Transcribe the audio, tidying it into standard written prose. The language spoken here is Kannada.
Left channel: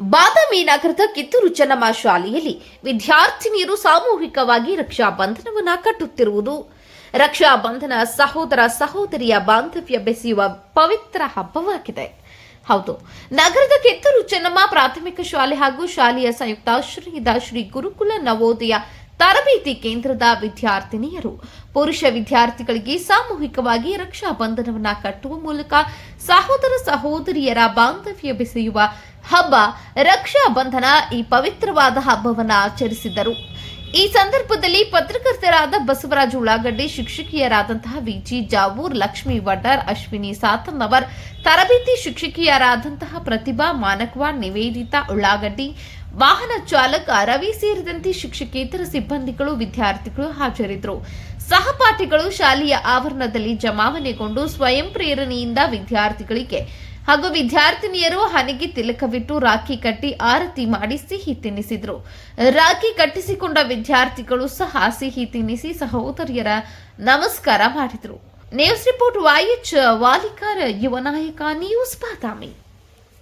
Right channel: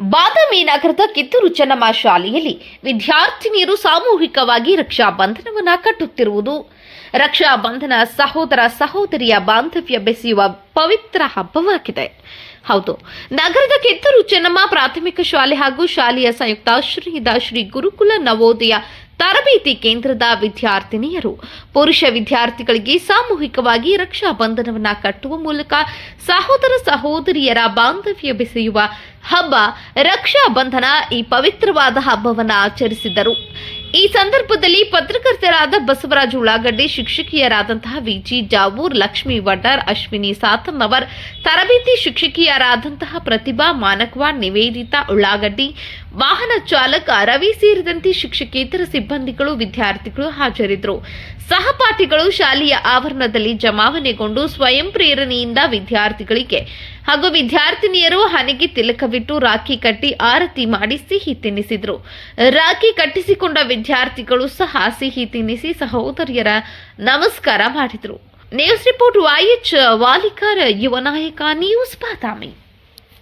ಬಾದಾಮಿ ನಗರದ ಕಿತ್ತೂರು ಚೆನ್ನಮ್ಮ ಶಾಲೆಯಲ್ಲಿ ವಿದ್ಯಾರ್ಥಿನಿಯರು ಸಾಮೂಹಿಕವಾಗಿ ರಕ್ಷಾ ಬಂಧನವನ್ನು ಕಟ್ಟುತ್ತಿರುವುದು ರಕ್ಷಾ ಬಂಧನ ಸಹೋದರ ಸಹೋದರಿಯ ಬಾಂಧವ್ಯ ಬೆಸೆಯುವ ಪವಿತ್ರ ಹಬ್ಬವಾಗಿದೆ. ಹೌದು, ನಗರದ ಕಿತ್ತೂರು ಚೆನ್ನಮ್ಮ ಪ್ರಾಥಮಿಕ ಶಾಲೆ ಹಾಗೂ ಶಾಲೆಯ ಸಂಯುಕ್ತಾಶ್ರಯದ ಶ್ರೀ ಗುರುಕುಲ ನವೋದಯ ತರಬೇತಿ ಕೇಂದ್ರದ ವಿದ್ಯಾರ್ಥಿನಿಯರು ಪುರುಷ ವಿದ್ಯಾರ್ಥಿಗಳಿಗೆ ಸಾಮೂಹಿಕವಾಗಿ ರಕ್ಷಾ ಬಂಧನವನ್ನು ಕಟ್ಟುವ ಮೂಲಕ ಸಹೋದರ ಸಹೋದರಿಯರ ಬಾಂಧವ್ಯ ಬೆಸೆಯುವ ಹಬ್ಬ ರಕ್ಷಾ ಬಂಧನ ಈ ಪವಿತ್ರವಾದ ಹಬ್ಬವನ್ನು ಆಚರಿಸಿದರು. ಈ ಸಂದರ್ಭದಲ್ಲಿ ಪತ್ರಕರ್ತರಾದ ಬಸವರಾಜ ಉಳ್ಳಾಗಡ್ಡಿ, ಶಿಕ್ಷಕಿಯರಾದಂತಹ ವಿಜಿ ಜಾವೂರ್, ಲಕ್ಷ್ಮೀ ವಡ್ಡರ್, ಅಶ್ವಿನಿ ಸಾತನ್ನವರ್, ತರಬೇತಿ ಶಿಕ್ಷಕಿಯರಾದಂತಹ ಪ್ರತಿಭಾ ಮಾನಕ್ವಾಡ್, ನಿವೇದಿತಾ ಉಳ್ಳಾಗಡ್ಡಿ, ವಾಹನ ಚಾಲಕ ರವಿ ಸೇರಿದಂತೆ ಶಿಕ್ಷಕೇತರ ಸಿಬ್ಬಂದಿಗಳು, ವಿದ್ಯಾರ್ಥಿಗಳು ಹಾಜರಿದ್ದರು. ಸಹಪಾಠಿಗಳು ಶಾಲೆಯ ಆವರಣದಲ್ಲಿ ಜಮಾವಣೆಗೊಂಡು ಸ್ವಯಂ ಪ್ರೇರಣೆಯಿಂದ ವಿದ್ಯಾರ್ಥಿಗಳಿಗೆ ಹಾಗೂ ವಿದ್ಯಾರ್ಥಿನಿಯರು ಹಣೆಗೆ ತಿಲಕವಿಟ್ಟು ರಾಖಿ ಕಟ್ಟಿ ಆರತಿ ಮಾಡಿ ಸಿಹಿ ತಿನ್ನಿಸಿದ್ರು. ರಾಖಿ ಕಟ್ಟಿಸಿಕೊಂಡ ವಿದ್ಯಾರ್ಥಿಗಳು ಸಹ ಸಿಹಿ ತಿನ್ನಿಸಿ ಸಹೋದರಿಯರ ನಮಸ್ಕಾರ ಮಾಡಿದರು. ನ್ಯೂಸ್ ರಿಪೋರ್ಟ್ YH ವಾಲಿಕಾರ್, ಯುವ ನಾಯಕ, ನ್ಯೂಸ್ ಬಾದಾಮಿ.